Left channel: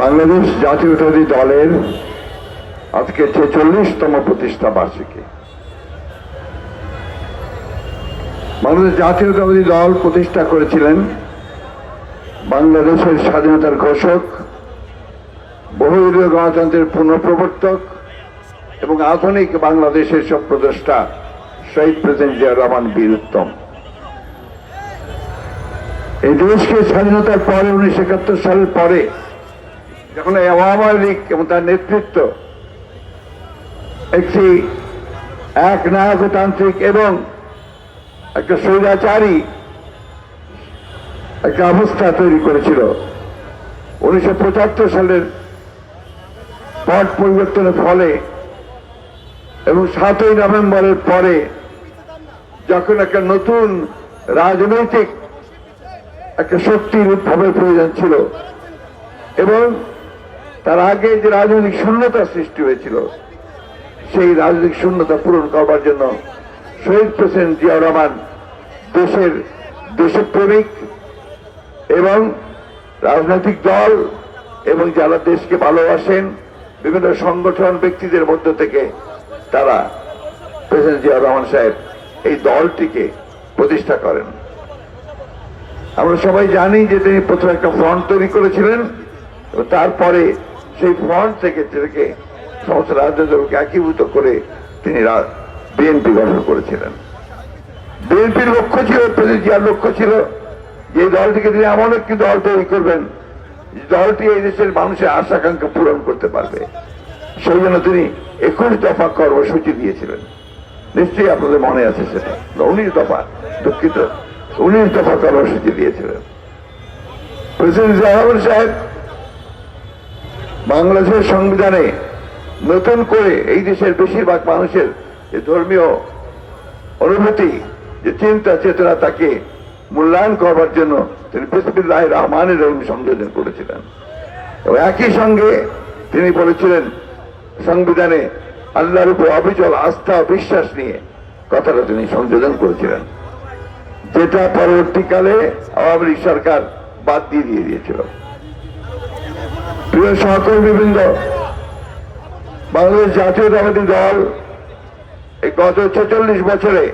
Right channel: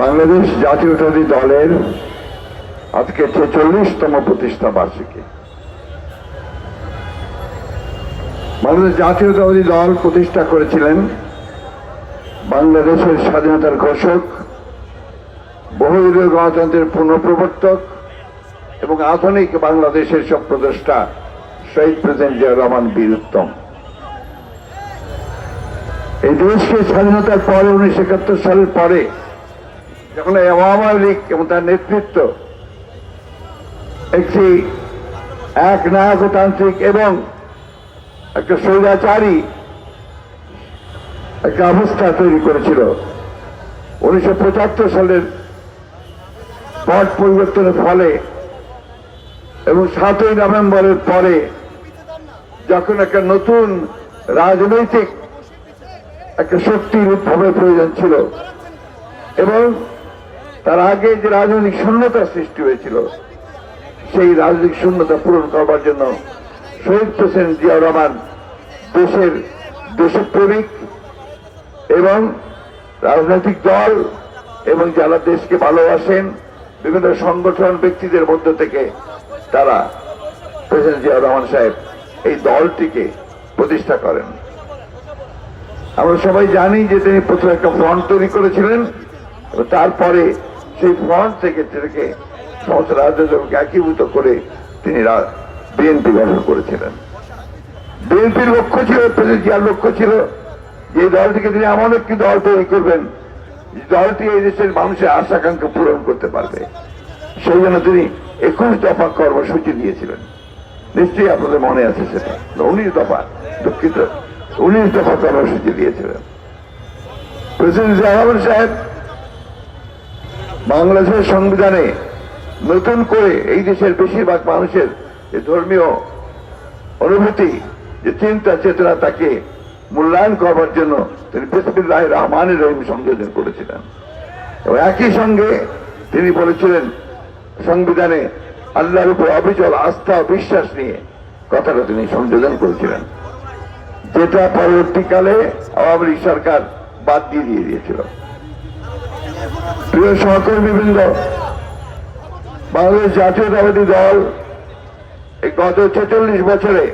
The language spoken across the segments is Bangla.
বাংলাদেশ জাতীয়তাবাদী দলের আজকে ছেচল্লিশতম প্রতিষ্ঠা বার্ষিকী। বাংলাদেশ জাতীয়তাবাদী দল প্রতিষ্ঠা করেছিলেন বাংলাদেশের স্বাধীনতার ঘোষক, বহুদলীয় গণতন্ত্রের পুনঃপ্রবর্তক এবং আধুনিক বাংলাদেশের সব প্রদেষ্টা শহীদ প্রেসিডেন্ট জিয়া রহমান বীর উত্তম এই দেশকে স্বাধীনতার পরে উনিশশো একাত্তর সালের পরে যখন এই আওয়ামী লীগ এবং তার নেতৃত্ব একটি এক নায়কতান্ত্রিক এবং একটা স্বৈরাচারী একটা অবস্থা তৈরি করেছিল, উনিশশো পঁচাত্তর সালের পট পরিবর্তনের ফলে এবং সাতই নভেম্বরের পরে যখন একটা নতুন রাজনৈতিক একটা শক্তির উদ্ভাবের প্রয়োজন ছিল। এবং তার আগে যে রাজনৈতিক শূন্যতা সৃষ্টি হয়েছিল, সেই রাজনৈতিক শূন্যতা পূরণ করবার জন্য শহীদ প্রেসিডেন্ট জিয়া রহমান দেশের দেশপ্রেমিক এবং রাজনৈতিক দল এবং যারা দেশকে ভালোবাসেন, বিভিন্ন সংগঠন ব্যক্তিদের মধ্য থেকে তারা প্রেসিডেন্ট জিয়া রহমান সাহেব এই দলটিকে প্রতিষ্ঠা করেন। আমরা সবাই জানি যে তিনি প্রথমে একটা ফ্রন্ট তৈরি করেছিলেন তারপরে সেই ফ্রন্ট থেকে থেকে সমস্ত রাজনৈতিক একীভূত করে তিনি বিএনপি গঠন করেছিলেন। বিএনপির লক্ষ্য ছিল প্রেসিডেন্ট লক্ষ্য ছিল। যে দলটিকে তিনি এমন একটি দল তৈরি করবেন দলটি এই দেশের মানুষের আশা আকাঙ্ক্ষা পূরণ করতে পারবে। সেই জন্য তিনি একুশ দফা কর্মসূচি দিয়েছিলেন। নিশ্চয়ই আপনাদের মনে আছে সেটা। উনিশ দফা দুঃখিত উনিশ দফা কর্মসূচি দিয়েছিলেন। প্রেসিডেন্ট জিয়াউর সাহেব, বাংলাদেশের সংবিধানে নতুন করে এই দেশের বেশিরভাগ মানুষের যে ধর্মীয় অনুভূতি, যে চিন্তা, চেতনা, তাকে মূল্যায়ন করবার জন্য তিনি বিসমিল্লাহ রহমানের রহিম সংযোজন করেছিলেন। এবং একই সঙ্গে তিনি বলেছিলেন, সংবিধানে আল্লাহর উপর অবিচল আস্থা বিশ্বাস নিয়ে কথাটা তিনি সংযোজন করেছিলেন। যেটা পরবর্তীকালে আওয়ামী লীগ সরকার বাদ দিয়ে দিয়ে দিয়েছিল। প্রিয় সহকর্মীবৃন্দ, বাংলাদেশ জাতীয়তাবাদী দল এই গত ছেচল্লিশ বছরে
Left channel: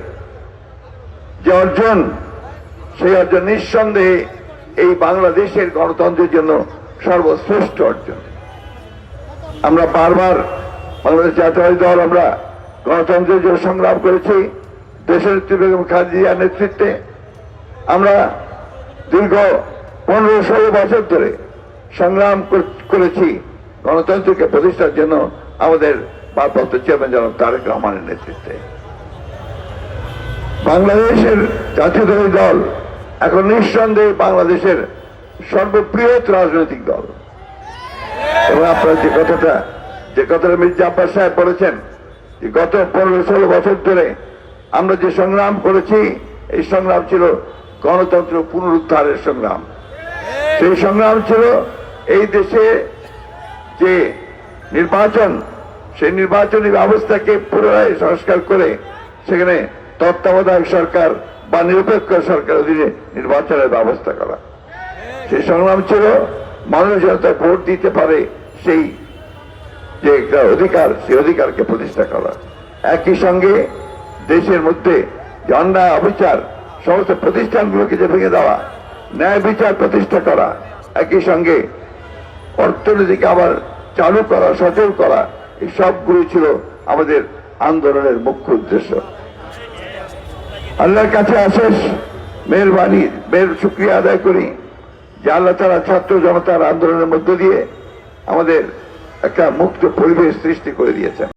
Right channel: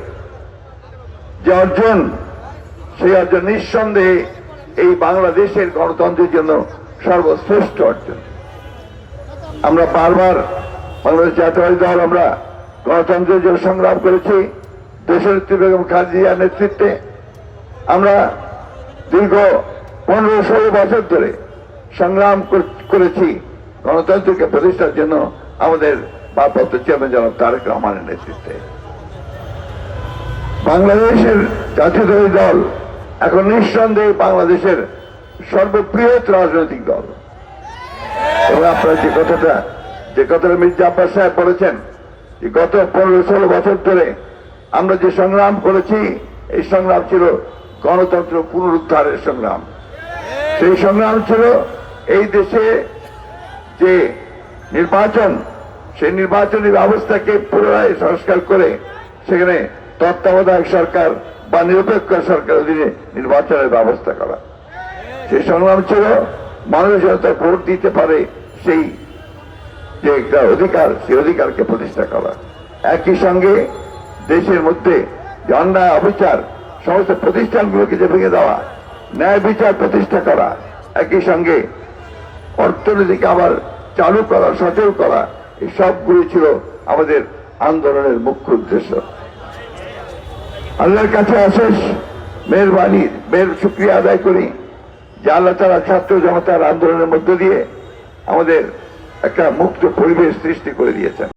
যে অর্জন, সেই অর্জন নিঃসন্দেহে এই বাংলাদেশের গণতন্ত্রের জন্য সর্বশ্রেষ্ঠ অর্জন। আমরা বারবার বাংলাদেশ জাতীয়তাবাদী দল, আমরা গণতন্ত্রের জন্য সংগ্রাম করেছি। দেশের বেগম খালেদিয়ার নেতৃত্বে আমরা দীর্ঘ পনেরো ষোলো বছর ধরে সংগ্রাম করেছি। গণতন্ত্রকে প্রতিষ্ঠার জন্য আমাদের ভারপ্রাপ্ত চেয়ারম্যান জনাব তারেক রহমানের নেতৃত্বে। বাংলাদেশের জাতীয়তাবাদী দল এখন নিঃসন্দেহে বাংলাদেশের সর্ববৃহৎ রাজনৈতিক দল। এবং আপনারা যে কথাটা যে কথাটা মির্জা আব্বাস সাহেব বলেছেন গত পনেরো ষোলো বছর ধরে আমরা যে সংগ্রাম করেছি, এই সংগ্রাম ছিল গণতন্ত্র পুনরুদ্ধারের সংগ্রাম। সেই সংগ্রাম ছিল এই দেশে যে নির্বাচন, সেই নির্বাচনী ব্যবস্থাকে পুনরায় সংস্কার করে সেখানে তত্ত্বাবধায়ক সরকার বা নিরপেক্ষ সরকার অধীনে নির্বাচনের ব্যবস্থা করা। সেই সংগ্রাম ছিল মানুষ যাতে ভোট দিতে পারে সেই যে অধিকার, সেই অধিকারকে প্রতিষ্ঠা করা। একই সঙ্গে দেশের মধ্যে যে অন্যায় অবিচার সমস্ত প্রতিষ্ঠানগুলোকে যে ভেঙে দেওয়া, ন্যায় বিচার প্রতিষ্ঠা করা, একই সঙ্গে অর্থনীতিকে আবার চালু করা, সচল করা, এই সবগুলি ছিল আমাদের আন্দোলনের মুখ্য উদ্দেশ্য। আল্লাহর কাছে আশেষ মেহরবানি মেয়ের শুক্রিয়া আদায় করি যে আল্লাহ তারা ছাত্র জনতার আন্দোলনের মধ্য দিয়ে আমাদের একটা মুক্ত পরিবেশ সৃষ্টি করে দিয়েছেন।